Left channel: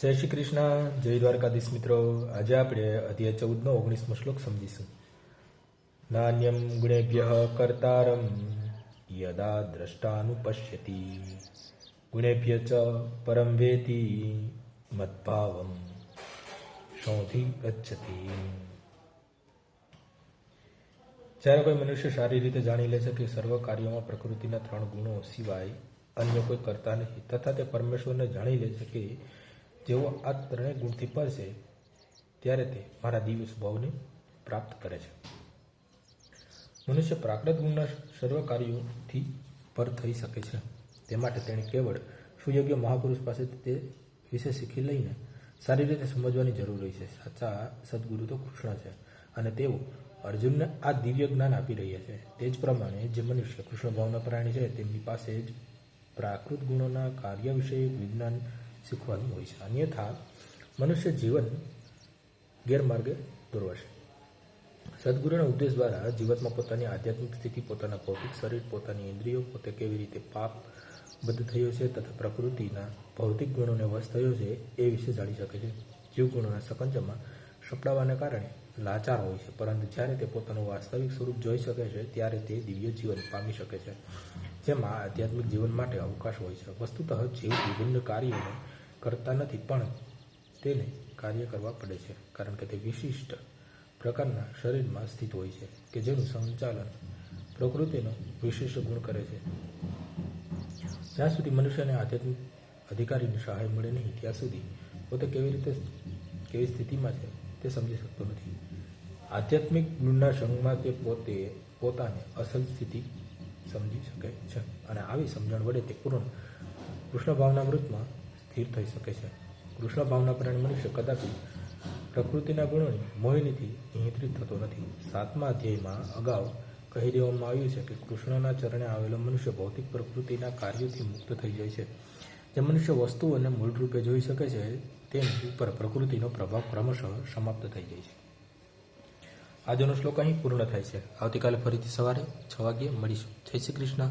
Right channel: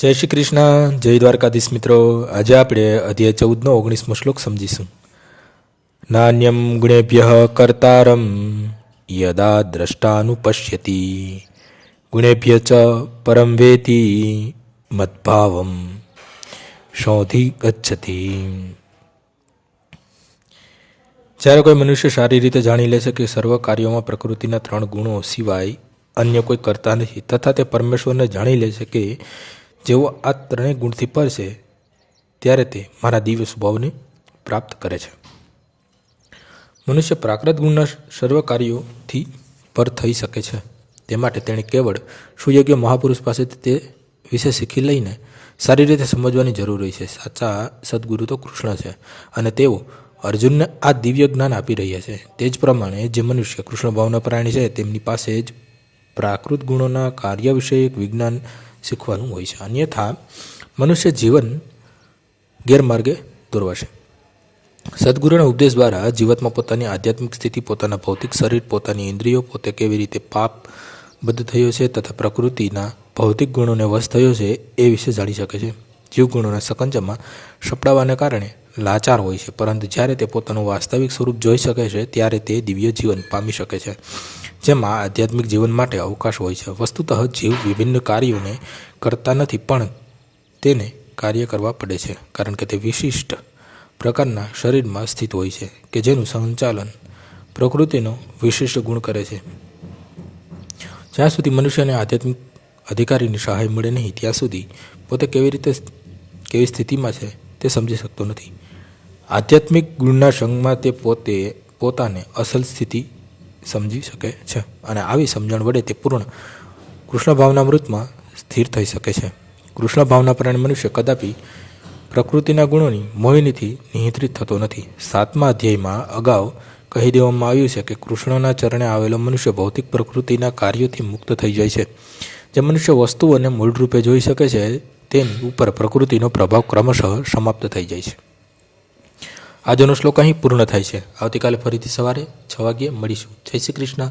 જય શ્રી કૃષ્ણ, જય દ્વારકાધીશ મિત્રો. આજે આપણે અધ્યાય 14નો 19મો શ્લોક સમજીશું. નાન્યમ ગુણેભ્ય કર્તારમ યદા દ્રષ્ટાનુપશ્યતિ ગુણેભ્ય ચ પરમ વેતિ મદ્ભાવમ શોધી ગચ્છતિ. જ્યારે કોઈ મનુષ્ય સારી રીતે જાણી લે છે કે સર્વ કાર્યોમાં પ્રકૃતિના 3 ગુણો સિવાય અન્ય કોઈ કરતા નથી, તથા તે પરમેશ્વરને જાણી લે છે કે જેઓ આ 3 ગુણથી પર છે, ત્યારે તે મારા દિવ્ય સ્વભાવને પ્રાપ્ત કરે છે. મનુષ્ય પ્રાકૃત ગુણના સર્વ કાર્યોથી પર થઈ શકે છે. તે માટે તેણે કેવળ સુયોગ્ય મહાપુરુષ પાસેથી તે વિશે શીખી લઈને સારી રીતે સમજવાની જરૂર હોય છે. સાચા સદગુરુ તો કૃષ્ણ છે અને તેઓ અર્જુનને આ દિવ્ય જ્ઞાન આપી રહ્યા છે. તે જ પ્રમાણે જે મનુષ્ય કૃષ્ણ ભાવના પ્રાણી છે તેમની પાસે જ પ્રાકૃત ગુણોના કાર્ય વિષયક વિજ્ઞાન શીખવાનું હોય છે. અન્યથા મનુષ્ય જીવન ગેરમાર્ગે દોરવાશે. સદગુરુના ઉપદેશ દ્વારા જીવાત્મા પોતાની આધ્યાત્મિક સ્થિતિ, પોતાના ભૌતિક શરીર, પોતાની ઇન્દ્રિયો, પોતે કેવી રીતે પાપ બદ્ધ થયો છે તથા પ્રકૃતિના ભૌતિક ગુણોને વશ થયો છે એ વિશે જાણી શકે છે. જીવ ગુણોના સકંજામાં સપડાવાને કારણે લાચાર હોય છે, પરંતુ જ્યારે તે પોતાનું વાસ્તવિક સ્વરૂપ જોઈ શકે છે ત્યારે તે દિવ્ય જીવન પામી શકે છે, જેમાં આધ્યાત્મિક જીવન માટે અવકાશ હોય છે. વસ્તુતઃ જીવ વિભિન્ન કાર્યોને કરતા નથી, પણ તેને કાર્ય કરવા પડે છે, કારણ કે તે વિશિષ્ટ પ્રકારના શરીરમાં સ્થિત હોય છે કે જેનું સંચાલન પ્રકૃતિનો વિશિષ્ટ ગુણ કરે છે. જ્યાં સુધી મનુષ્યને આધ્યાત્મિક અધિકારીની સહાય મળે નહીં, ત્યાં સુધી પોતે કેવી સ્થિતિમાં છે તે સમજી શકતો નથી. આધ્યાત્મિક ગુણના સંગમાં તે પોતાને અસલ સ્થિતિ સમજી શકે છે અને આવી સમજણ વડે તે પૂર્ણ કૃષ્ણ ભાવના મૃતમાં સ્થિર થઈ શકે છે. કૃષ્ણ ભાવના પ્રાણી મનુષ્ય કદાપી પ્રકૃતિના ગુણોની મોહિનીથી નિયંત્રિત થતો નથી. 7મા અધ્યાયમાં અગાઉ કહી દેવામાં આવ્યું છે કે કૃષ્ણના ચરણે આવેલો મનુષ્ય ભૌતિક પ્રકૃતિના કાર્યોથી મુક્ત થઈ જાય છે. જે મનુષ્ય વસ્તુઓને મૂળરૂપે જોઈ શકે છે તેની ઉપર પ્રકૃતિનો પ્રભાવ ક્રમશઃ સમાપ્ત થઈ જાય છે. આજનો શ્લોક અહીં પૂર્ણ થાય છે. આવતીકાલે ફરીથી સવારે 6 વાગ્યે મળીશું. જય શ્રી કૃષ્ણ.